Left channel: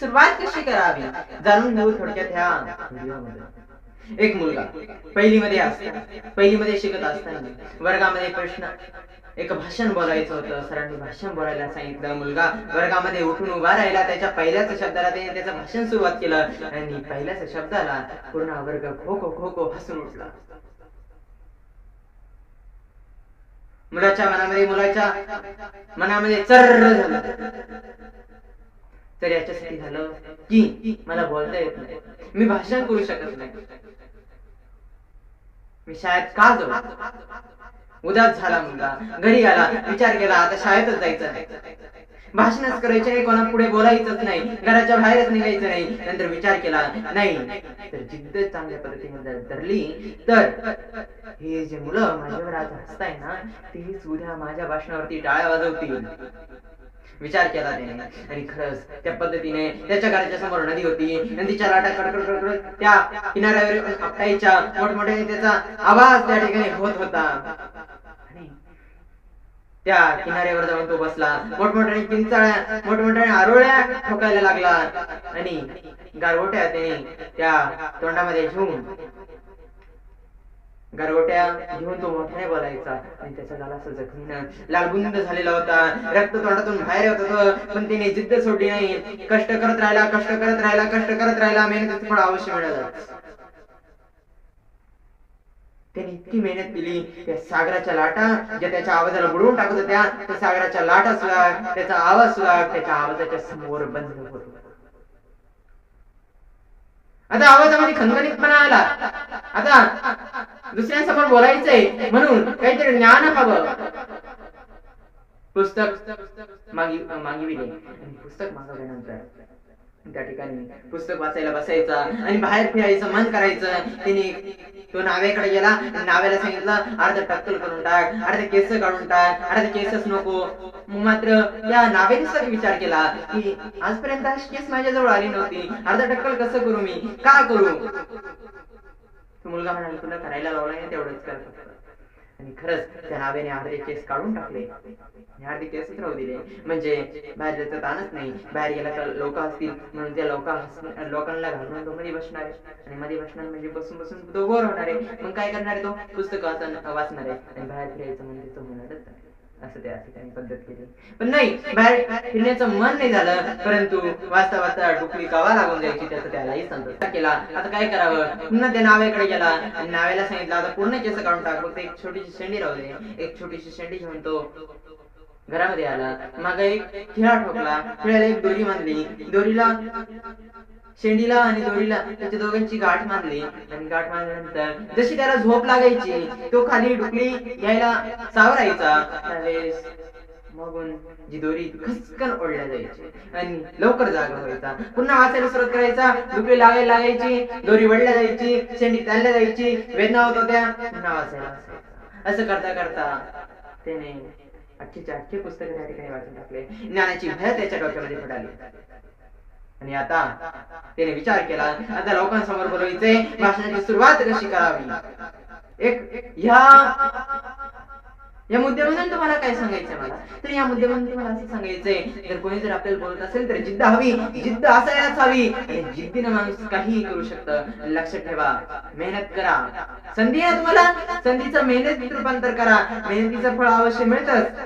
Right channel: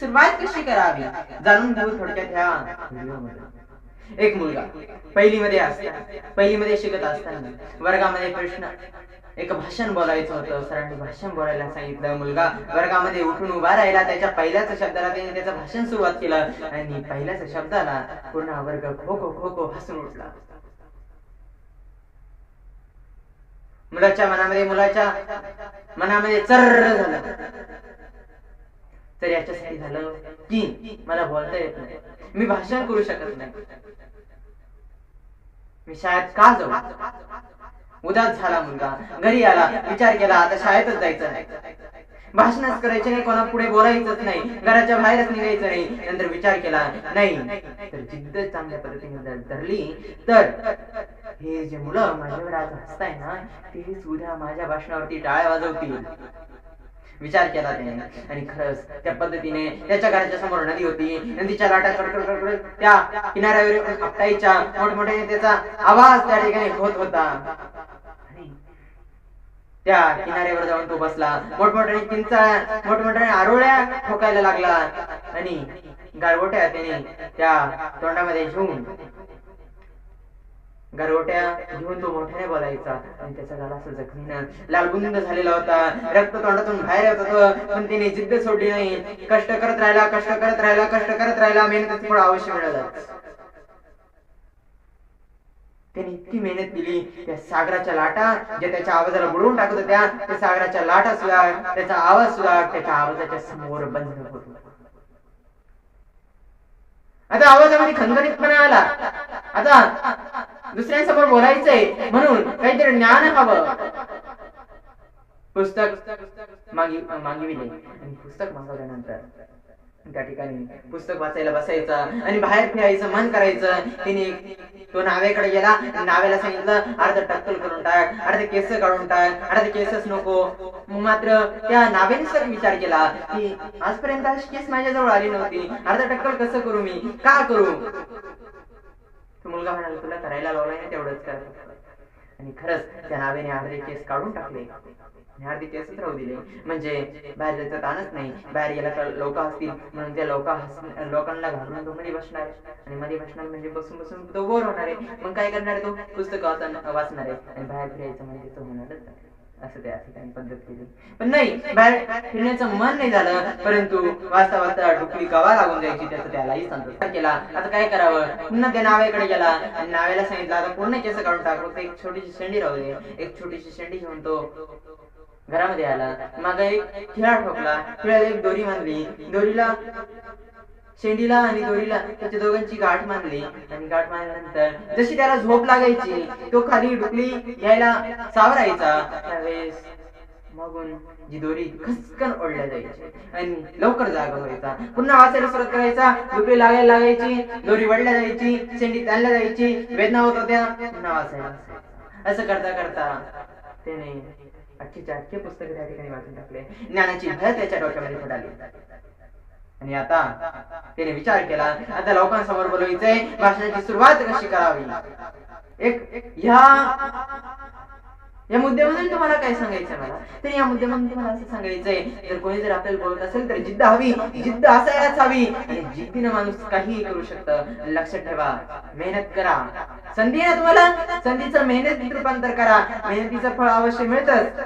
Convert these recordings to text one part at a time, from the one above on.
सुरुवात कशी करावी जाणून घेऊ थोडक्यात ह्या व्हिडिओमध्ये. एक मुलगा पहिलीमध्ये शिकत असताना वर्गामध्ये एक भाषण बोलायचं होतं. सरांनी भाषण बोलायला सांगितलं. मुलगा वर्गामध्ये उठून उभा राहिला. त्याच्या पहिल्याच शब्दाला त्याने त्याचं भाषण सुरुवात केलं आणि पहिल्याच शब्दाला पूर्ण वर्ग खो खो खो खो हसून उठला. मुलाच्या मनामध्ये चर्र झालं. तर याच्यासाठी झालं की मला बोलता येत नाही, मी भाषण करू शकत नाही, मी शाळेत का जाऊ. उदास झाला मुलगा. घरी आला. विचार केला आता शाळेतच जायचं नाही, भाषणच करायचे नाही, कोणा पुढे बोलायचंच नाही, घराच्या बाहेरच निघायचं नाही. नंतर विचार केला नाही तर जिद्द चांगल्या पद्धतीने जर धरली तर हे जे मुलं माझ्यावर आज हसताय ना तेच उद्या माझ्या भाषणावरती टाळ्या वाजवतील. विचार केला त्याने आणि खरंच त्या पद्धतीने त्याच्या घराच्या समोर नदी होती. नदीच्या लाटा कडकड कडकड त्या किनाऱ्यावर आपटायच्या. मोठमोठ्याने त्याचा आवाज त्या ठिकाणी होत होता. आणि त्या किनाऱ्यावर जाऊन तो बसला. मोठमोठ्याने किंचाळ्या, मोठमोठ्याने आरोळ्या ठोकायला लागला आणि गारगोट्या त्याने त्या तोंडामध्ये घेऊन तो मोठ्याने बोलायचा. आणि त्याचा गाल असं जखमीनं लालबुंद झालेला होता. रक्त तोंडातून बाहेर येत होतं. पण त्याने जिद्द सोडली नाही. कष्ट करत राहिला. मेहनतीचं फळ अवश्य मिळालं. त्याने इतकी मेहनत केली. त्या सागराच्या लाटा ज्या त्याच्या आवाजाला बुडवून टाकत होत्या, त्या सागराच्या लाटा सुद्धा, त्याचा आवाज सुद्धा त्याच्या आवाजाच्या समोर बंद होतो. आता आवाजामध्ये खणखणीतपणा आला. आता दुसऱ्यांसमोर बोलायचंय म्हणून काहीतरी ज्ञान हवं. पुस्तक मागविले आणि पुस्तक मागवल्यानंतर त्या ठिकाणी पुस्तक वाचायला बसायचा आणि बाहेर फिरायचं मन करायचं. तिने तो नाव्याकडे गेला. नाव्याला सांगितलं अर्ध टक्कल करून टाक, अर्धे केस काढून टाक, अर्धे केसच नको. मात्र त्या नावेने विचार केला की आजपर्यंत अशी केस माझ्याजवळ आली नव्हती, अर्ध टक्कल कसं करू, मी का करू. तो मुलगा म्हणाला तुला करायला लावलाय ना तेवढंच कर फक्त. आणि खरंच त्या नावेने अर्धे केस काढून टाकले आणि अर्धे केसच राहू दिले. म्हणजे बाहेर जायचं ताणच नाही. बाहेर गेला तर लोक असतील म्हणून त्या लोकांना घालून तो मध्ये बसणार आहे. आणि मध्ये बसणार म्हणजे बसून बसून तो बोर होणार आहे. मग काय करणार आहे, तो पुस्तक वाचणार आहे आणि बाहेर फिरायचं म्हणजे तो होणारच नाही. असं त्या ठिकाणी पद्धत केली. पण नाही, बाहेर फिरण्याचं मन नाही झालं. परंतु वाचता वाचता डुकली कवा लागून जायची त्याचं त्यालाही संतोष केला. आता काय करावं. पुन्हा त्या नाव्याकडे गेला आणि नाव्याला सांगितलं आता पूर्ण केस काढून टाक, फक्त एक छोटीशी शेंडी राहू दे. एक छोटीशी शेंडी घेऊन तो घरामध्ये आला. मागे एक खिळा ठोकला. खिळ्याला एक दोरी बांधली. शेंडीला आणि दोरीला त्याच्या दोघांची गाठ बांधली. आणि गाठ बांधल्यानंतर जशी त्याला झोप लागायची तो खाली डुकली घ्यायला सावरायचा. त्यावेळेस मागून जी दोरी खसकन ओढल्या जायची आणि लवकर जागा व्हायचा. पुन्हा वाचायला सुरुवात करायचा. डुकली लागायला लागायची, दोरी वडल्या जायची, शेंडी ताणल्या जायची, वेदना होत होत्या, पुन्हा वाचायला बसायचा. असं करता करता त्याने अख्खे पुस्तक त्या ठिकाणी वाचून टाकले. ज्ञानाची भय त्याच्या डोक्यामध्ये पडाली. आणि आता त्याने विचार केला आता लोकांसमोर बोलायचंय, भाषणाची सुरुवात कशी करावी. या मुद्द्यामधून तुम्हाला काय सांगायचंय मला, तर या मुद्द्यामधून तुम्हाला असं सांगायचंय जर कोणी जर आपल्याला बोलत असेल तर जिद्द हवी, जिद्द असायलाच हवी. आणि जिद्दीनं माणूस काहीही करू शकतं. लक्षात ठेवा, मेहनत करा. संधी आहे तुम्हाला, संधीचं मेहनतीत रूपांतर करा. मेहनतीचं फळ अवश्य मिळतच.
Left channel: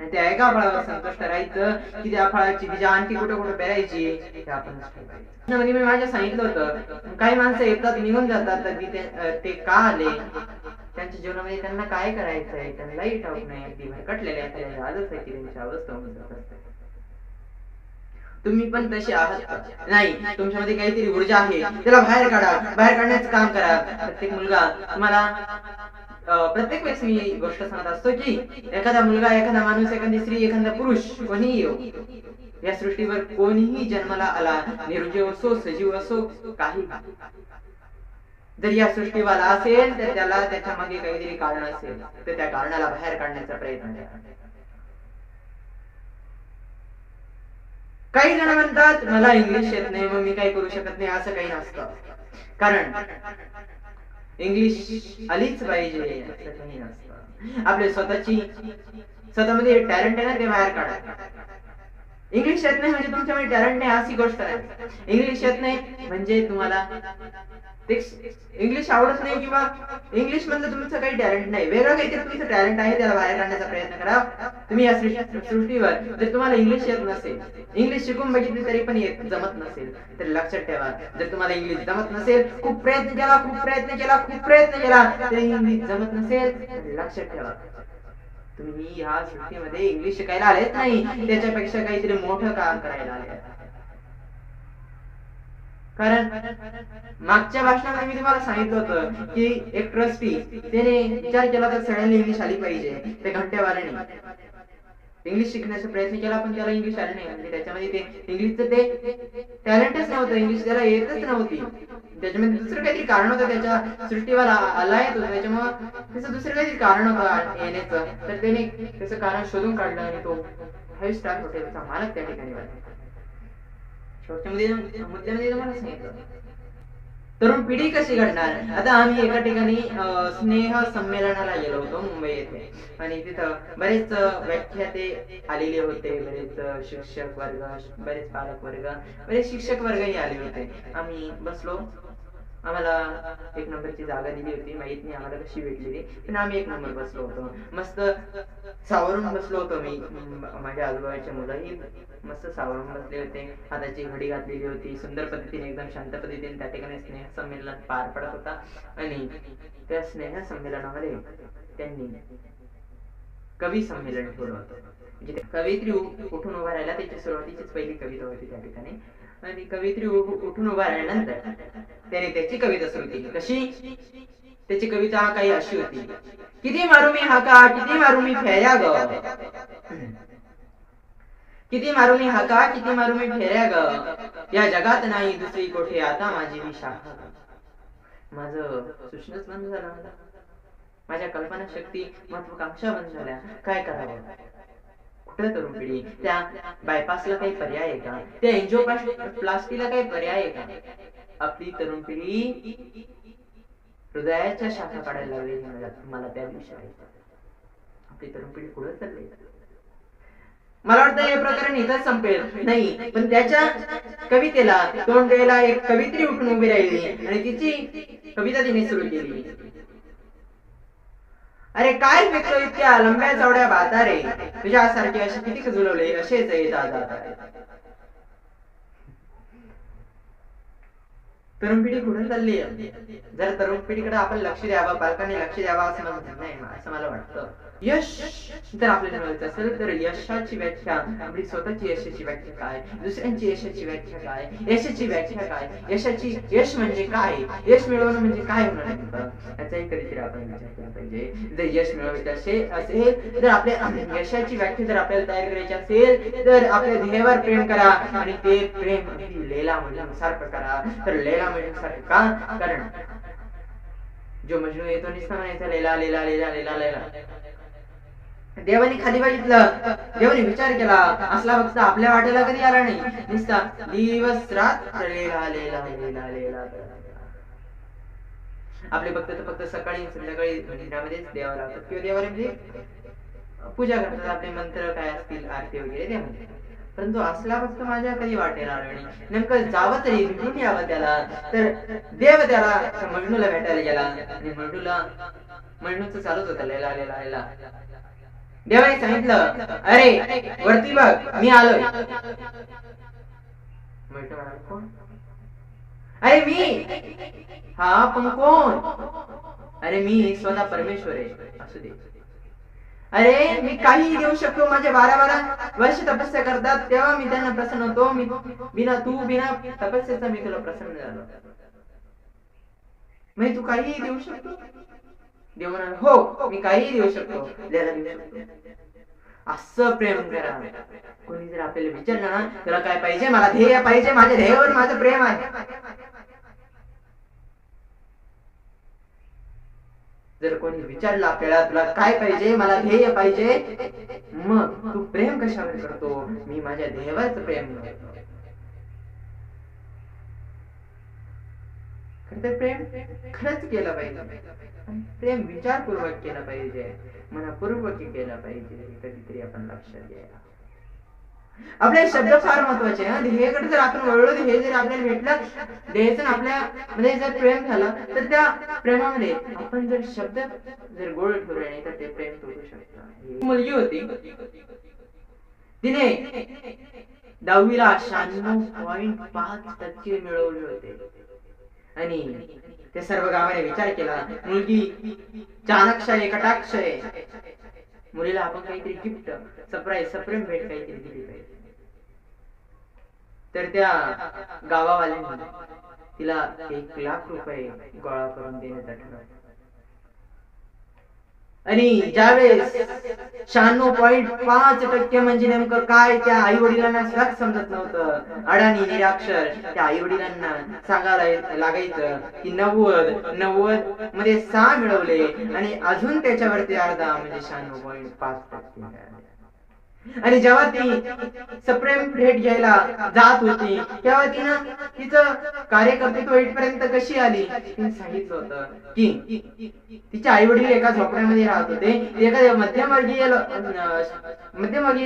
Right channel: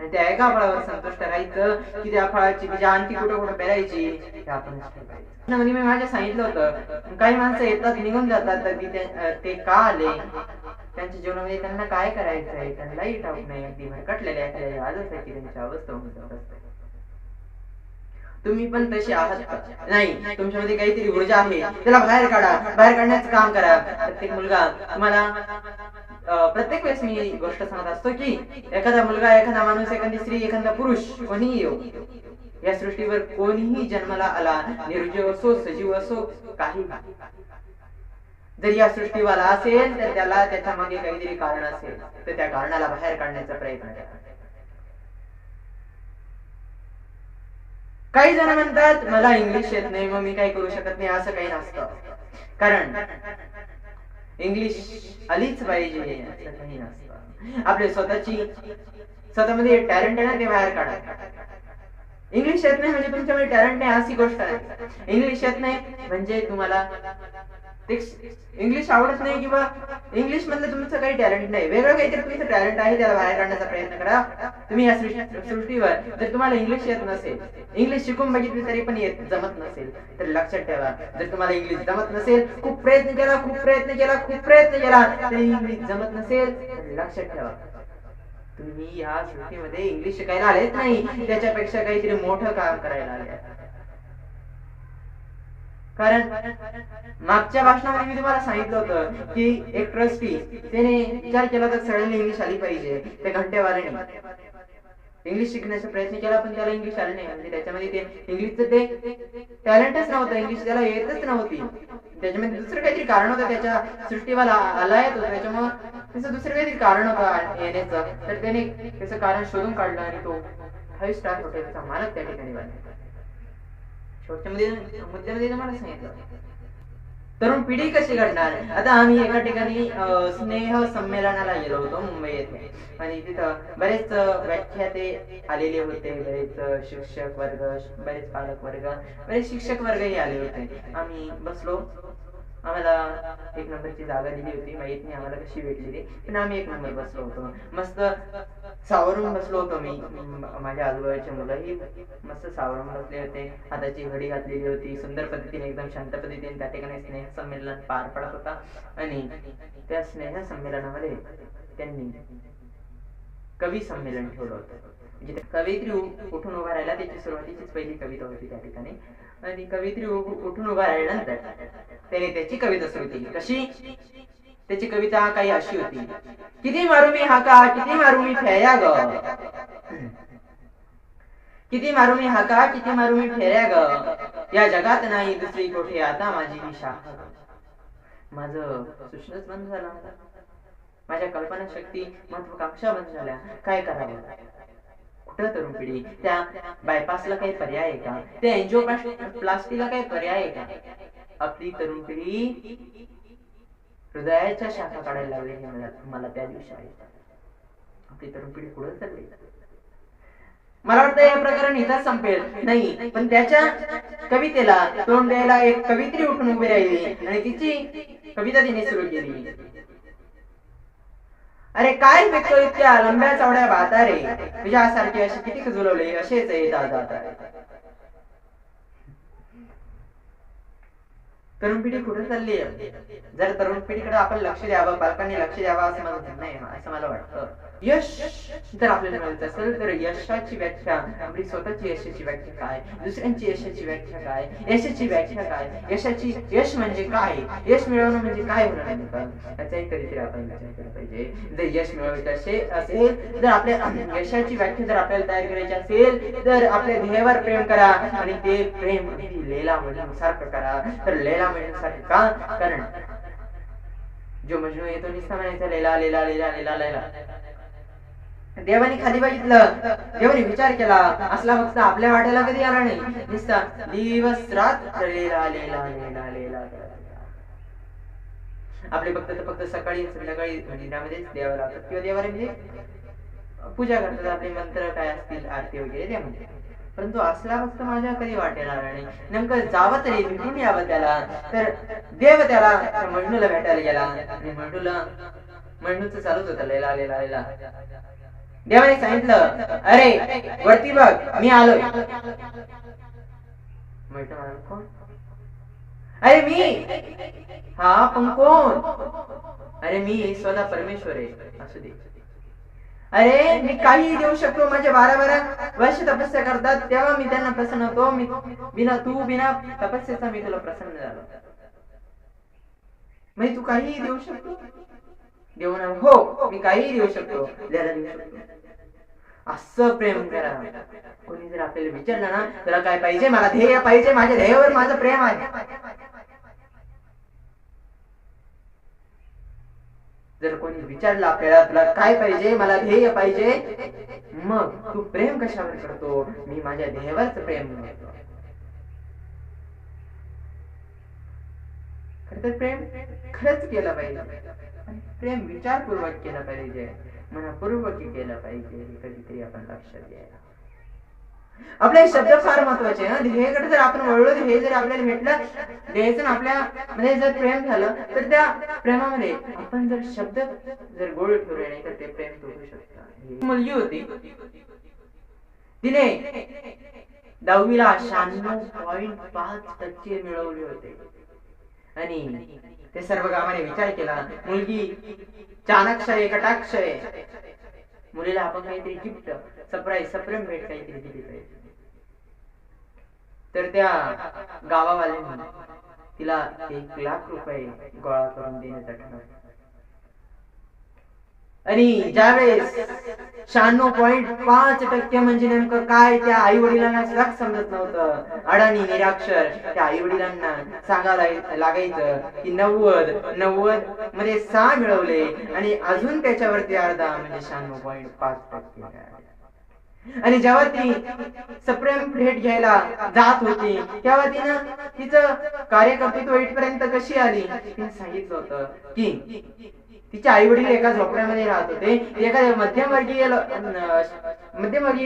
आणि त्या एका फळावर संतुष्ट राहायचं की त्या फळाची बीज आणखी कुठं पेरायची हे आपणच ठरवायचं. म्हणजे मी माझ्या सांगितलं होतं काही माणसं येतात निघून जातात तर ते का आले, त्यांच्या जीवनामध्ये त्यांना काय करायचंय त्यांनाही ठाऊक नाही. अगदी भरकटलेले एखाद्या आजच आहे की त्यांची अवस्था होऊन जात असते. तुम्ही पण तसे आहात का? नाही, तुमच्यामध्ये काहीतरी ऊर्जा आहे, त्याला बाहेर काढा. बाहेर काढण्याचं काम करा. प्रत्येक मुलगा तुम्हाला प्रत्येक वेळेस मी गोष्ट सांगत असतो की एखादा मुलगा, एखादा माणूस, एखादी स्त्री, एखादा पुरुष कोणीही येऊ, या सृष्टीवर कोणीही जन्माला आला, निर्जीव असो सजीव असो, काही जर या सृष्टीवाला असेल तर त्याला त्याच्या मागे काहीतरी कारण असेल, तर त्या कारणाला बाहेर काढण्याचा प्रयत्न करा. काही जण म्हणतात मला इंग्लिश येत नाही मग मी काही करू शकत नाही. असं काही नसतं. कारण इंग्लिश आलीच पाहिजे असं काही नसतं. आपले स्वतःमध्ये टॅलेंट आहे ना, ते बाहेर काढा. इंग्लिश येत नाही म्हणजे तुमच्यामध्ये टॅलेंट नाही अशी गोष्ट आहे. इंग्लिश येत नाही म्हणजे तुम्हाला इंग्लिश आवडत नाही किंवा इंग्लिश मधलं तुमचं काही टॅलेंट नाही, वेगळं काहीतरी तुमचं टॅलेंट आहे, त्याला बाहेर काढण्याचा प्रयत्न करा. तुम्ही या सृष्टीवर जर तुम्हाला इंग्लिश येत नसेल, इंग्लिश शिकून बघितली तरी पण जमत नसेल, तर लक्षात ठेवा, जर तुम्हाला इंग्लिश जमत नसेल, खूप प्रयत्न केला तरी इंग्लिश जमत नसेल, तर लक्षात ठेवा तुम्ही ह्या सृष्टीमध्ये इंग्लिश शिकायला आलेच नाही, त्याच्यापेक्षा काहीतरी मोठं काम करायला आले. कारण मागच्या भाषणामध्ये मी तुम्हाला सांगितलं होतं की एक ट्रस्टी त्याने विचार केला तर सगळ्यांनी इंग्लिश आली पाहिजे. ते घंटेवाल्याने इंग्लिश शिकण्याचा प्रयत्न केला पण त्याला इंग्लिश आलं नाही, म्हणजे त्याच्यामध्ये ते इंग्लिशचं ते टॅलेंटच नव्हतं, इंग्लिश त्याला येतच नव्हती. त्याच्यामध्ये दुसरं काहीतरी कारण होतं, त्याच्या सृष्टीवाला आला येत होतं, त्याच्यामुळं त्याचं दुसरं काहीतरी कारण होतं येण्याचं. तर त्याने त्याचं कारण शोधून काढलं आणि तो 5 स्टार हॉटेलचा मालक त्या ठिकाणी बनला. शेवटच्या मुद्द्यामध्ये तुम्हाला सांगितलं तरुण पिढी कशी घडणार. आता आम्ही एका ठिकाणी स्नेह संमेलनाला गेलो होतो मुंबई येथे, आणि तिथं बरेच व्याख्याते आलेले होते, बरेच शिक्षक वर्ग, बरेच पालक वर्ग, बरेच शिक्षक वर्गही आले होते. आम्ही बसलो, आम्हाला 1 नंबरची जागा दिली होती, माहित नाही आम्हाला कशी भेटली ती, पण आम्ही 1 नंबर बसलो होतो. मस्त सावरून बसलो होतो मी, माझ्या आजूबाजूचे मुलंही मस्त सावरून बसले होते, हाताची घडी घातलेली होती, सुंदर पद्धतीने एकदम शांत पद्धतीने त्या ठिकाणी स्नेह संमेलन पार पडत होता. आणि त्या स्नेह संमेलनामध्ये त्यांनी कवी संमेलन ठेवलं होतं, जिथे कवयित्री उठून उभा राहिला, त्याची सुरुवातीचीच पहिली कविता होती त्या ठिकाणी. आणि कवयित्री उठून उभा राहिल्यानंतर त्याने त्याची कविता सुरू केली. कशी? त्याची कविता काही अशी होती: किती मारू मी हाका, किती मारू मी फेऱ्या ग, किती मारू मी हाका, किती मारू मी फेऱ्या ग, या जगात नाही दुसरी कोठे आता माझी ही शाखा. माझं सूचनाच बंद झालं, माझ्या कल्पना शक्ती, महत्वाकांक्षा बंद झाल्या. काय करावं? कुठं तरुण पिढी? त्या बायपासला काही पर्याय आहे का? त्या एंजिओप्लास्टीला काही पर्याय आहे का? आपली तरुण पिढी हृदयाच्या शाखा काढायला लागली हे मला त्या दिवशी आहे. आपली तरुण पिढी पुढे चालली. मला वाटतं हे प्रकरण इथंच संपेल नाही, पण त्याच्या कवितेला तोंड द्यायला एक कवित्री उठून उभी राहिली आणि तिची कविता तिने सुरू केली. अरे काय फेकतो इतक्या लंब्या चवड्या बाता रे, तुझ्यासारखे असे किती खजुलवले, असेच येतात जातात. तरुण पिढी कुठे चालली आहे? जर तरुण पिढीकडे आपण लक्ष द्यावं, पालकांनी लक्ष द्यावं असं मला नाही, असं मला वाटतं. यश जर आपल्याला मिळत असेल तर यशाची व्याख्या, आपली स्वतःची यशाची व्याख्या काय, दुसऱ्यांची यशाची व्याख्या काय, यशाची व्याख्या काय, यश म्हणजे काय, यश मिळवणं म्हणजे काय होणार नेमकं, याचाही कधीतरी आपण विचार केला पाहिजे. जर यश मिळवायचं असेल, जर आपल्या यशाची व्याख्या जर आपल्याला तयार करायची असेल, तर आपल्या ध्येयावर प्रेम करा, आणि ते प्रेम लैला मजनू सारखं करा. तर लैला मजनू सारखं का? कारण जो मजनू येतो नुसता म्हणायचा लैला लैला लैला लैला लैला, देवाने खाली बघितलं, देवाने विचार केला, असला फक्त आपल्या वाट्याला कधी आला नाही, नुसता दिवस रात्र लैला लैला लैला लैला. आपले भक्त तर फक्त सकाळी संध्याकाळी मंदिरामध्येच देवा लावतात किंवा देवाला म्हणजे पूजा करतात, आपले मंत्र काय असतील, आरती वगैरे त्यामध्ये. परंतु असला भक्त माझ्या कधी वाटेला आला नाही. नेमकं जावं तरी, भेटून यावं त्याला. तर देव त्याला मजनूला भेटायला गेला, आणि मजनूचं चालूच होतं लैला लैला लैला. देवाने सांगितलं, अरे वरती बघ, मी आलोय. मजनू म्हणाला, कोण? अरे मी. हा पण कोण? अरे मी स्वतः परमेश्वर आहे. असू दे. अरे मी काही देऊ शकतो, माझे 12 वर्ष तपस्या करतात तेव्हा मी त्यांना प्रसन्न होतो. मी बिना तपस्येचा मी तुला प्रसन्न झालो. म्हणजे तू काही देऊ शकतो? देव म्हणाल, हो मी काही देऊ शकतो, द्यायला देऊ शकतो. असं प्रेम करा. कोणी जर आपल्याला विचारलं ना, तुला काय पाहिजे? मला ध्येय पाहिजे, माझ्या ध्येयावर माझं प्रेम आहे. जर कोणी विचारलं आपल्याला, तुला काय पाहिजे? मला ध्येय पाहिजे, मग तू प्रेम कशावर करतो? मी माझ्या ध्येयावरच प्रेम करतो. खरं प्रेम खरंच केलं पाहिजे, प्रेम विचारपूर्वक केलं पाहिजे, मनपूर्वक केलं पाहिजे. हे कधीतरी आपण लक्षात घ्यायला. आपले शब्द फार महत्वाचे आहे. ध्येयाकडे जर आपण वळलो, ध्येय जर आपल्याला भेटलं, ध्येयाचं आपल्या मध्ये जर प्रेम झालं, तर त्या प्रेमामध्ये आपण जर शब्द जर गोड ठेवले नाही तर ते प्रेम तुटू शकतं. मुलगी होती, तिने 10वीला 96.5% मिळवले होते आणि ते सर्व गावाने विचार केला, मुलगी चाणाक्ष आहे, कटाक्ष आहे, मुलीला आपण काहीतरी गिफ्ट, सरप्राईज, सप्रेम भेट काहीतरी दिली पाहिजे. तर त्या गावावाल्यांनी तिला 1,00,000 रुपये गोळा करून देण्याचा ठरवलं. आणि ज्यावेळेस 96.5% म्हणजे नेमकं काय त्या आई वडिलांना सुद्धा समजत नव्हतं. अडाणी निराक्षर त्या आई वडिलांना सांगायला लागायचं की 90 मध्ये 6 मिळवले आणि अजून त्याच्यावरती अर्धा म्हणजे 96.5% मिळाले. आणि जेव्हा ती सप्रेम भेट घ्यायला जात होती तेव्हा तिनं तिचं कार्यकर्तृत्व इथपर्यंत कशी आली, तिने सांगितलं होतं की तिचे आई वडील एका झोपड्यामध्ये राहत होते. एखाद्या मध्यमवर्गीय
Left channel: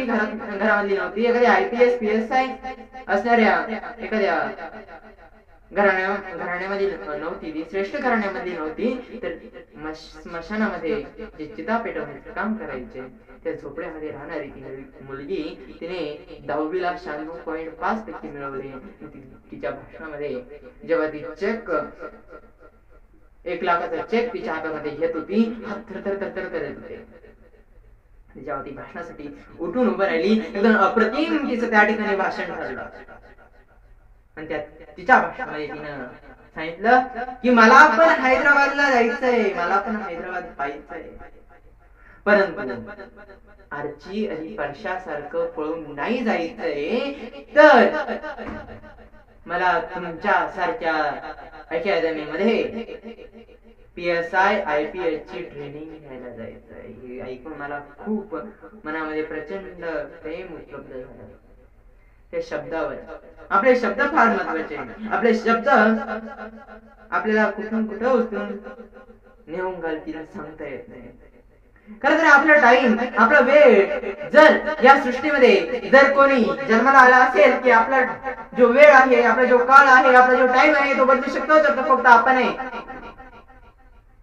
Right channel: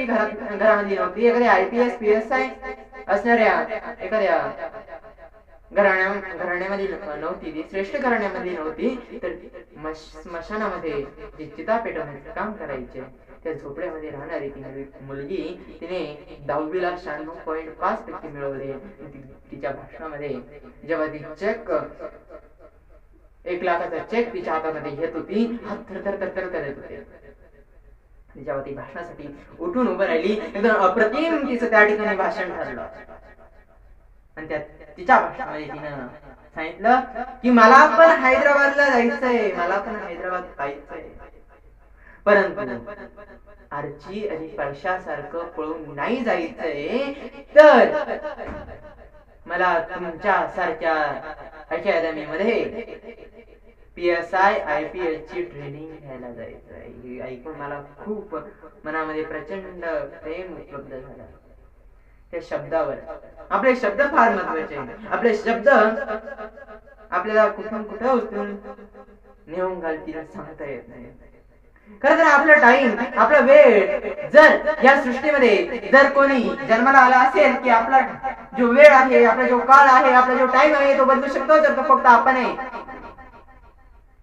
घरामधली नव्हती, एखाद्या IPS PSI असणाऱ्या एखाद्या घराण्यामध्ये नव्हती, ती श्रेष्ठ घराण्यामधली नव्हती. तर स्मशानामध्ये जे चिता पेटवण्याचं काम करायचे त्या झोपड्यामध्ये राहणारी ती मुलगी, तिने 10वीला 96.5% मिळवले. तिच्या भाषणामध्ये जेव्हा ती चेक 1,00,000चा चेक तिच्या हातामध्ये घेत होती, हात थरथर करत होते. जेव्हा ती भाषणासाठी उठून उभं राहिली, एकदम अप्रतिम तिचं त्या ठिकाणी भाषण ठरलं. आणि त्या तिच्या भाषणामध्ये तिनं सांगितलं की मला पण हैदराबादला जायचंय, मला पण हैदराबाद पाहायचंय, परंतु आर्ची आणि परशासारखं पळून नाही जायचंय, तर मला तुमच्या सारख्या अकॅडमीमध्ये PSI IPS ची ट्रेनिंग घ्यायला जायचंय. हे ऐकून मला खूप मनामध्ये प्रचंड प्रेम उपलब्ध झालं. त्या शब्दावर आपले शब्द फार महत्वाचे. आपले शब्द आपल्याला कुठून कुठं उचलून नेऊन घालतील सांगता येत नाही. खरं तर आपला टाइम, आपला वेळ जर या सृष्टीमध्ये जर कोणी जन्माला आला असेल की आपला जो वेळ आहे, आपला जो काळ आहे, आपला जो टाइम आहे तो बदलू शकतो, तर तो फक्त आपण आहे.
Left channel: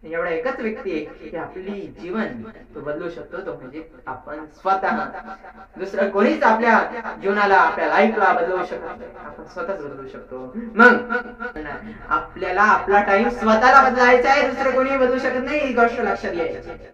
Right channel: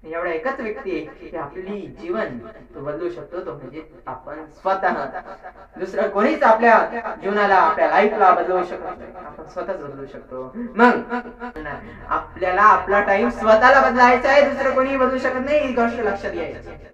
एवढा एकच व्यक्ती आहे की आपली जीवन तो बदलू शकतो, तो म्हणजे आपण स्वतः. दुसरं कोणीच आपल्या जीवनाला, आपल्या लाईफला बदलू शकत नाही, आपण स्वतःच बदलू शकतो. मग आपल्याला आपला टाइम स्वतःला बदलायचा आहे, दुसरं कोणी बदलू शकत नाही, ही गोष्ट लक्षात घ्यायची.